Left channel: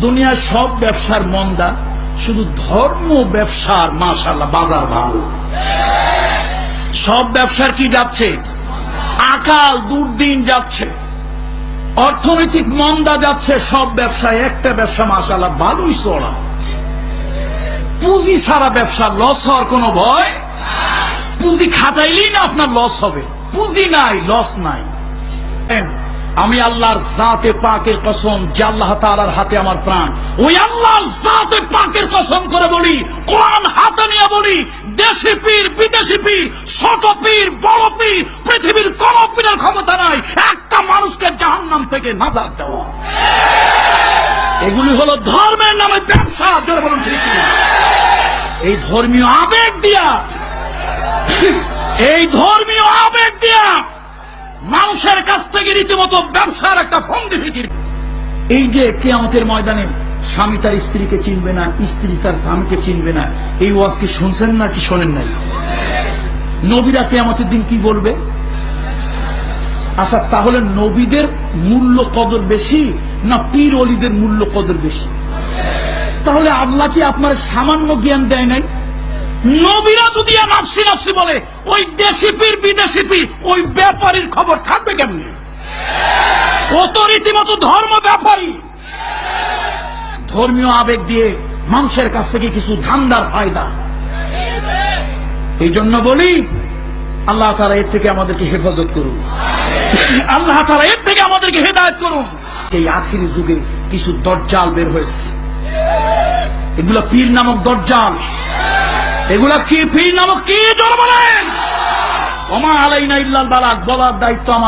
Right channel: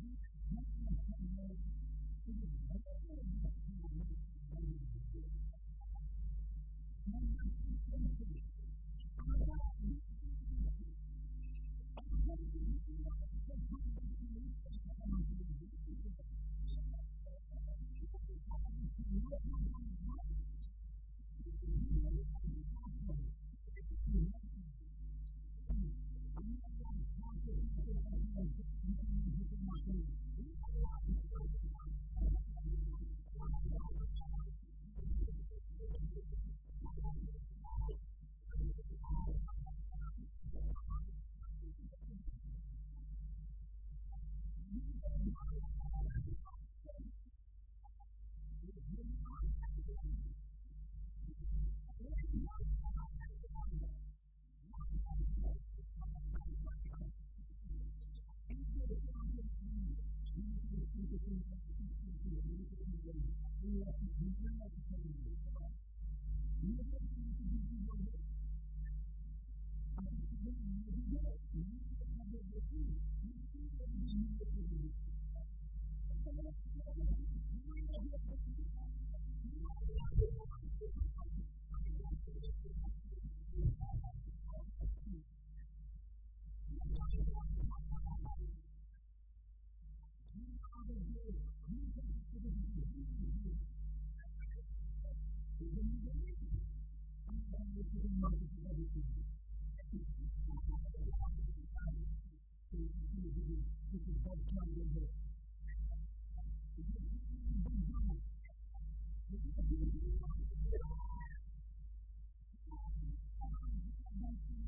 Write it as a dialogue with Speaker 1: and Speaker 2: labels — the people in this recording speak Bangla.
Speaker 1: দুনিয়ার সব ব্যবসার মন্দা, শুধু ধর্ম ব্যবসার মাশাল্লাহ বাজার ভালো। সব ব্যবসার কি যাচ্ছে? আকাল দুর্দিন যাচ্ছে। অর্থনৈতিক মন্দা যাচ্ছে, সব ব্যবসায়, একটা ব্যবসা মাশাল্লাহ ভালোই চড়া পুঁজি ছাড়া ব্যবসা লস হওয়ার কোনো ভয়? পুঁজি খাটাইলেই না আপনার লস হবে। পুঁজি নাই লস নাই। আমি আল্লাহর জাতে পাকের কসম যে আল্লাহ তাআলার হাতে আমার প্রাণ। ওই আল্লাহর জাতে পাকের কসম করে বলি, কোরআন হাতে নিয়ে বলি, দেশি পীর, বিদেশি পীর, ছোট পীর, বড় পীর, পৃথিবীর কোন পীরের ক্ষমতা নাই। একটা মানুষকে জাহান্নাম থেকে নাজাত দেওয়া। এগুলি হলো ধর্মের নামে ব্যবসা, জোরে বলুন ঠিক এই ধর্মীয় আবেগ দিয়া, এই ধর্মীয় আবেগ দিয়া মানুষের কাছ থেকে রীতিমতো ব্যবসার একটা ফিকির এই যে কেয়ামতের ময়দানে স্বামী তার স্ত্রীকে চিনবে না, স্ত্রী তার স্বামীকে চিনবে না, এই শুনছেন না কি শোনেন নাই? নবীরা কেয়ামতের দিন কি বলবে? আচ্ছা তাহলে নবীদের মূল্য কদর বেশি না পীর অলিদের মূল্য কদর বেশি? তাহলে আল্লাহ কি আপনার সামান্য জ্ঞান দেয় নাই? নবীরা যদি নাফসি নাফসি বলে, ওই দেশি পীর, বিদেশি পীর, ওই ব্যাপারীর খবর থাকবে কেমনি? ও তো রীতিমতো ধর্ম ব্যাপারী। ধর্মীয় আবেগ দিয়ে মানুষের কাছ থেকে কিছু ধান্দার ফায়দা। এই জন্য বলি, আল্লাহ তারা এর থেকে আমাদেরকে হেফাজত করুন। আল্লাহ তারা এর থেকে আমাদেরকে হেদায়ত করুন। এই আখিরি যুগে কিছু দরজাল বের হয়েছে। এগুলা পীর নামক দরজাল এগুলা কি পীর নামক কি ওমা আলাইনা ইল্লাল বালাক, বলার দায়িত্ব আমার।